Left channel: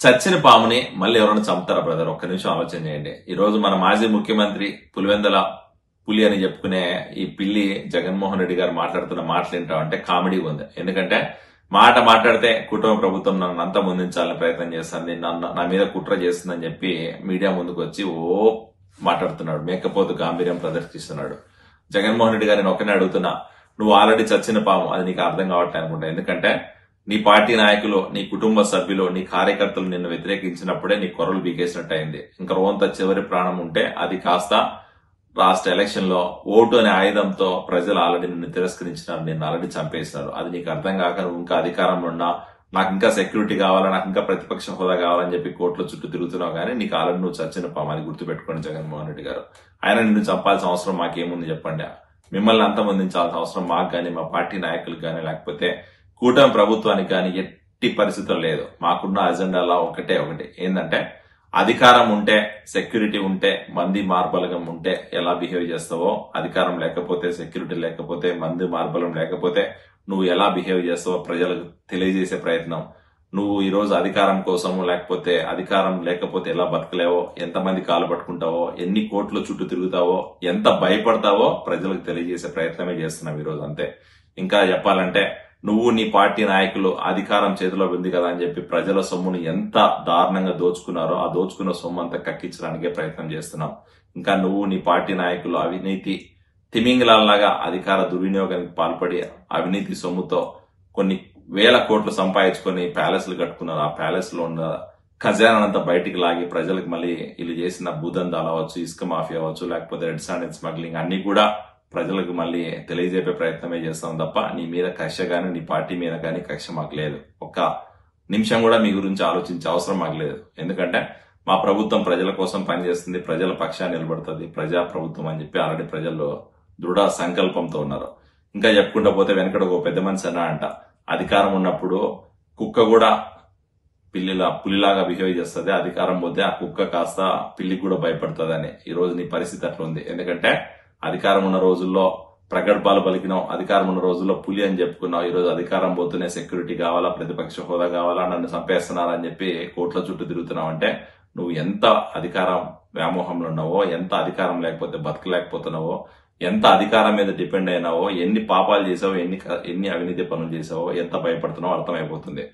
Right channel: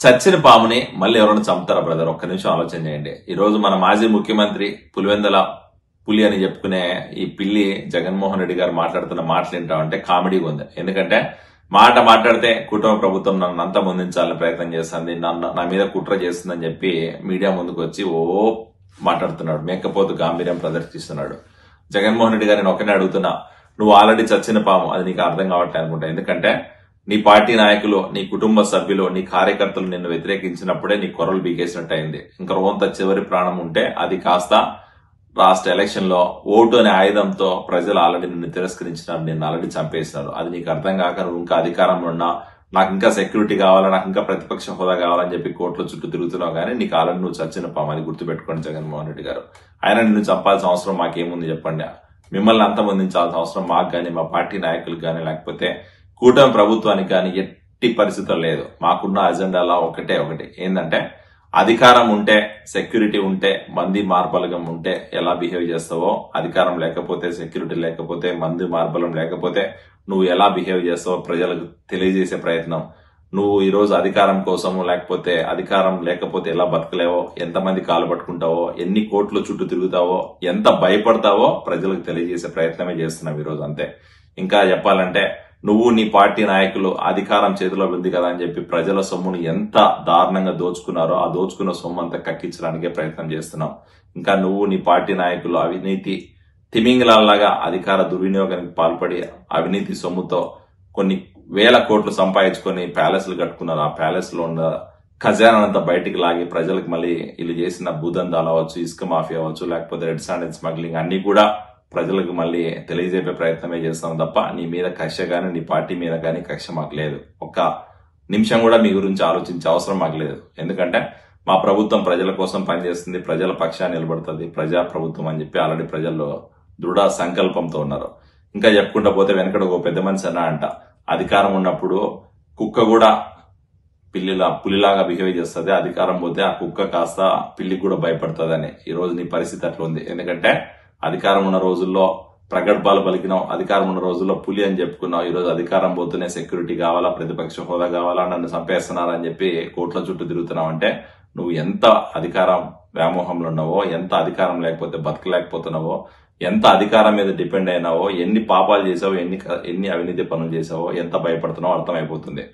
చచ్చిన పాముని మళ్ళీ ఎవరైనా చంపుతారా బ్రదర్? ఒక్క నిమిషం ఆలోచన చేయండి. ఈ రోజు మన మాజీ ముఖ్యమంత్రి పులివెందల పులి అని చెప్పుకునే ఈ పిల్లి జగన్మోహన్ రెడ్డి గారు మాట్లాడుతున్న మాటలు ఏంటంటే కామెడీగా ఉంది. ఎందుకంటే మాట్లాడితే కుటుంబ ప్రభుత్వం నన్ను అంతా ముందించాలని ప్రయత్నం చేస్తుంది, నా మీద కుట్ర చేస్తుందని చెప్పి మీడియా ముందుకు వచ్చి మాట్లాడుతున్నాడు. మేకపోతు గాంభీర్యం ప్రదర్శిస్తున్నాడు. జగన్మోహన్ రెడ్డి గారిని ఒకనే అడుగుతున్నా, నువ్వు ఆల్రెడీ చచ్చిన పాము, అది నీకు అర్థం కావట్లేదు అనుకుంటా. ఎందుకంటే నీ పార్టీ నాయకులు, నీ కుటుంబ సభ్యులు, నీ కార్యకర్తలు నిన్ను వ్యతిరేకించినప్పుడే నీ కొర్రలు బీకేసినట్టు అయింది. ఇంకా రోంత చివరి ప్రాణం ఉంటే అది కాస్త రాష్ట్ర ఎలక్షన్ లో ఓటు అనే ఆయుధంతో ప్రజలు ఆల్రెడీ నిన్ను తిరస్కరించినారు, నిన్ను ఆల్రెడీ చంపేసినారు. అది నీకు అర్థం కాక నువ్వు ఇంకా అధికారంలో ఉన్నా, నాకు ఇంకా సెక్యూరిటీ కావాలా, నాకు ఇంకా ప్రతిపక్ష హోదా కావాలని చెప్పి కోర్టుల చుట్టూ తిరుగుతున్నావు, కానీ నీకు ఆల్రెడీ నువ్వు చచ్చిన పాము. అది గుర్తుపెట్టుకోండి జగన్మోహన్ రెడ్డి గారు. ఆయన నిన్ను చంపాల్సిన అవసరం మాకేముంది చెప్పండి? మిమ్మల్ని అంతమొందించాల్సిన అవసరం మాకు గానీ, మా పార్టీ నాయకులకు గానీ, లేకపోతే కూటమి ప్రభుత్వానికి కానీ ఎట్టి పరిస్థితుల్లో లేదు. మాకున్న అజెండాలో ఒకటే ఏంటంటే, అధికారం ఉంటే, సెక్యూరిటీ ఉంటే, మంది మార్బలగం ఉంటే ఎలా బిహేవ్ చేస్తావో, అధికారం లేకపోతే, సెక్యూరిటీ లేకపోతే, మంది మార్బలం లేకపోతే నువ్వు ఎలా బిహేవ్ చేస్తావో ప్రజలకు తెలియజేసే ప్రయత్నం. నువ్వు ఈ రోజు అధికారం కోసము, లేకపోతే అధికారం లేకపోతే ఎలా బతకలేవో, ఎంతమంది కాలు పట్టుకుంటావో, ఎన్ని కోట్ల చుట్టూ తిరుగుతావో, ఎంత భయపడతావో ప్రజలకు తెలియజేసే ప్రయత్నమే చేస్తున్నావు ఈ రోజు. అంతే. ఇంకా చెప్పాలంటే, నువ్వు నీ పార్టీ నాయకులు అధికారం చేతిలో ఉంది కదా అని చెప్పి ప్రజల సొమ్మును ఎంత దారుణంగా దోచుకున్నారో, ఆ దోచుకున్న సొమ్ము అంతా కక్కించడానికే ప్రయత్నం చేస్తున్నాం. ఇంకా నువ్వు నీ పార్టీ నాయకులు అవినీతి తిమింగలాల్లాగా అధికార దుర్వినియోగానికి పాల్పడి అవినీతి సొమ్ముతో కొన్ని వేల కోట్లు సంపాదించుకొని ప్యాలెస్లు కట్టుకున్నారు. ఆ ప్యాలెస్ లో ఉన్న ఖజానానంతా బయటికి లాగి ప్రజలకు మళ్ళీ వీళ్ళు చేసిన భూదందాలు అవ్వచ్చు, ఇసుక మాఫియా అవ్వచ్చు, లేకపోతే రెడ్ శాండ్ స్మగ్లింగ్ అన్ని కూడా ప్రజలకు మళ్ళీ తెలియజేపే ప్రయత్నమే చేస్తాం తప్ప నీ మీద కక్ష గానీ, నీ పార్టీ మీద గానీ కక్ష మాకు లేదు. ఒక్క నిమిషం కూడా మీ గురించి ఆలోచించే అవసరం మాకు లేదు. ఎందుకంటే మా ప్రభుత్వం ప్రజల కోసం పనిచేస్తుంది, ప్రజల పక్షాన్ని నిలబడుతుంది, ప్రజా ప్రభుత్వం అని చెప్పి ఆల్రెడీ ప్రజల్లో దృఢ సంకల్పంతో ఉన్నారు. ఇంకా చెప్పుకుంటూ పోతే వెనకడ ఒక పెద్ద మనిషి అంట, అధికారం ఉన్నప్పుడు కుక్క కూడా పులిలాగా బిహేవ్ చేస్తుంది, అధికారం పోతే ఆ కుక్క కాస్త పిల్లికి కూడా భయపడుతుందని. ఈ రోజు నీ పరిస్థితి అట్లా ఉంది. ఎందుకంటే అధికారం ఉన్న రోజుల్లో ప్రగల్భాలు పలికినావు, అధికారం ఉన్న రోజుల్లో పులి అని చెప్పుకున్నావు. ఈ రోజు అధికారం పోతూనే సెక్యూరిటీ కావాలా, ప్రతిపక్ష హోదా కావాలా, నన్ను చంపేస్తున్నారని చెప్పి కోట్ల చుట్టూ తిరుగుతున్నావు. అంటే నువ్వు ఎంత అధికారం వ్యామోహంలో ఉన్నావో, ఎంత అధికారం లేకపోతే బతకలేకపోతున్నావో, ఎంత అధికారం మీద డిపెండ్ అయినావో, ఎన్ని పాపాలు చేసావో, ఎన్ని అవినీతి పనులు చేసావో, ఎంత భయపడుతున్నావో అర్థమైపోతుంది.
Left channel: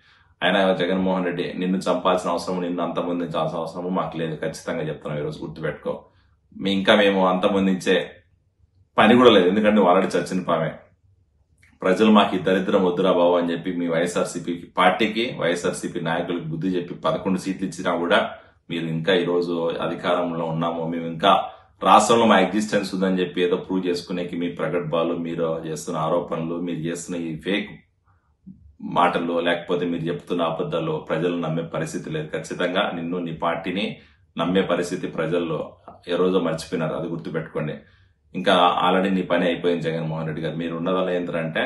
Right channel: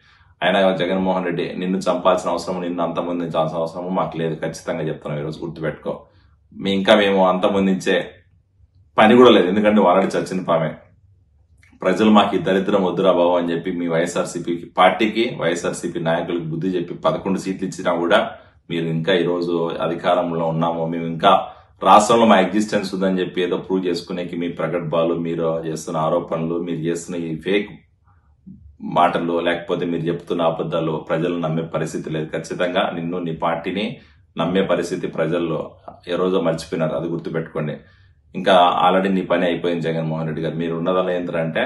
ఆయన జగన్మోహన్ రెడ్డి, నిన్ను చంపాల్సిన అవసరం, నిన్ను అంతమొందించాల్సిన అవసరము మాకు లేదు. ఖచ్చితంగా చెప్తున్నాం. ఈరోజు గుర్తుపెట్టుకో. మేము అంతమొందించే పని కూడా లేదు. ఎందుకంటే ఆల్రెడీ చచ్చిన పామే. ప్రజలు మాకు ఈ దరిద్రం వద్దురా బాబు అని చెప్పి మీ వైఎస్ఆర్సీపీ పార్టీకి, వైఎస్ఆర్సీపీ నాయకులకు బుద్ధి చెప్పి 11 సీట్లు ఇచ్చినా కూడా మీరు ఇంకా ఈ రోజు అధికారంలో ఉన్నాము, మేము ఇంకా రాష్ట్రంలో మా ఎగ్జిస్టెన్స్ ఉందని చెప్పి ఏదో ప్రూవ్ చేసుకునేకి మీ ప్రగల్భాలు, మీరు చేస్తున్న ఆరోపణలు, మీరు చేస్తున్న ఈ ఫేక్ మాటలు, లేకపోతే మీరు చెప్తున్న అబద్ధాలు ప్రజలు నమ్మే పరిస్థితి లేదు. ఖచ్చితంగా నిన్ను, నీ పార్టీని నమ్మే పరిస్థితి ప్రజల్లో ఏ రోజో మర్చిపోయినారు. అది గుర్తుపెట్టుకోండి. ఇంకా ఆల్రెడీ నీ పని అయిపోయింది జగన్మోహన్ రెడ్డి గారు. మీరు ఉన్నదల్లా ఏంటంటే,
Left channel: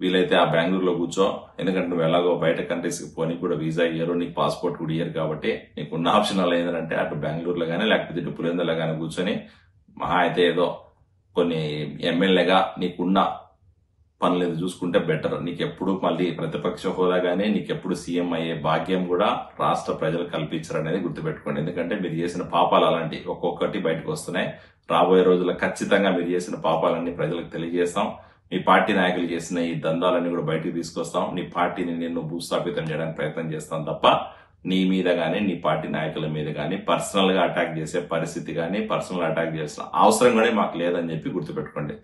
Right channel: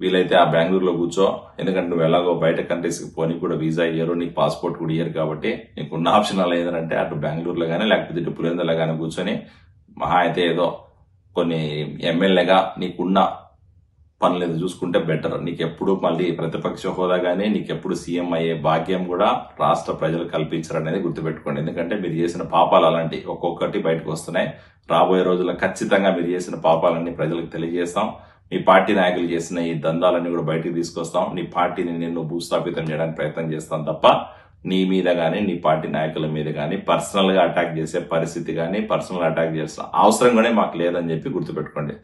వీలైతే ఆ బెంగళూరులో కూర్చో. ఎందుకంటే నువ్వు ఎలాగో బయట కంట్రీస్కి పోనీ కూడా వీసా ఇయ్యరు, నీకు పాస్పోర్ట్ కూడా ఇయ్యరు. కాబట్టి నీకు ఉన్న ఆప్షన్ అలా ఏంటంటే, అటు బెంగళూరులో కానీ, లేకపోతే ఇటు పులివెందులో కానీ కూర్చొని మహా అయితే ఏదో కొన్ని ఎమ్మెల్యేగా నీకున్న పనులేదు చూసుకుంటే బెటర్. నీకెప్పుడు మళ్ళీ ప్రతిపక్ష హోదా గానీ, నీకెప్పుడు సీఎం అయ్యే భాగ్యం కూడా రాష్ట్ర ప్రజలు కల్పించారనేది గుర్తుపెట్టుకోండి. ఎందుకంటే మీరు చేసిన పాపాలు అలాంటి ఒక్కొక్కటి బయటకు వస్తున్నాయి. రాబోయే రోజుల్లో ఖచ్చితంగా మీరు చేసిన పాపాలన్నీ ప్రజలకు తెలియజేస్తాం. మీ పార్టీ నాయకులు చేసిన ఈ దందాలన్నీ కూడా బయటికి తీసుకొస్తాం. నీ పార్టీని నిన్ను భూస్థాపితం చేయడానికి ప్రయత్నం చేస్తాం తప్ప నీ మీద గానీ, నీ పార్టీ నాయకుల మీద గానీ పర్సనల్ గా అటాక్ చేసే పరిస్థితి గానీ, పర్సనల్ అటాక్ చేసిన అవసరం కూడా మాకు లేదని చెప్పి గుర్తుపెట్టుకోండి.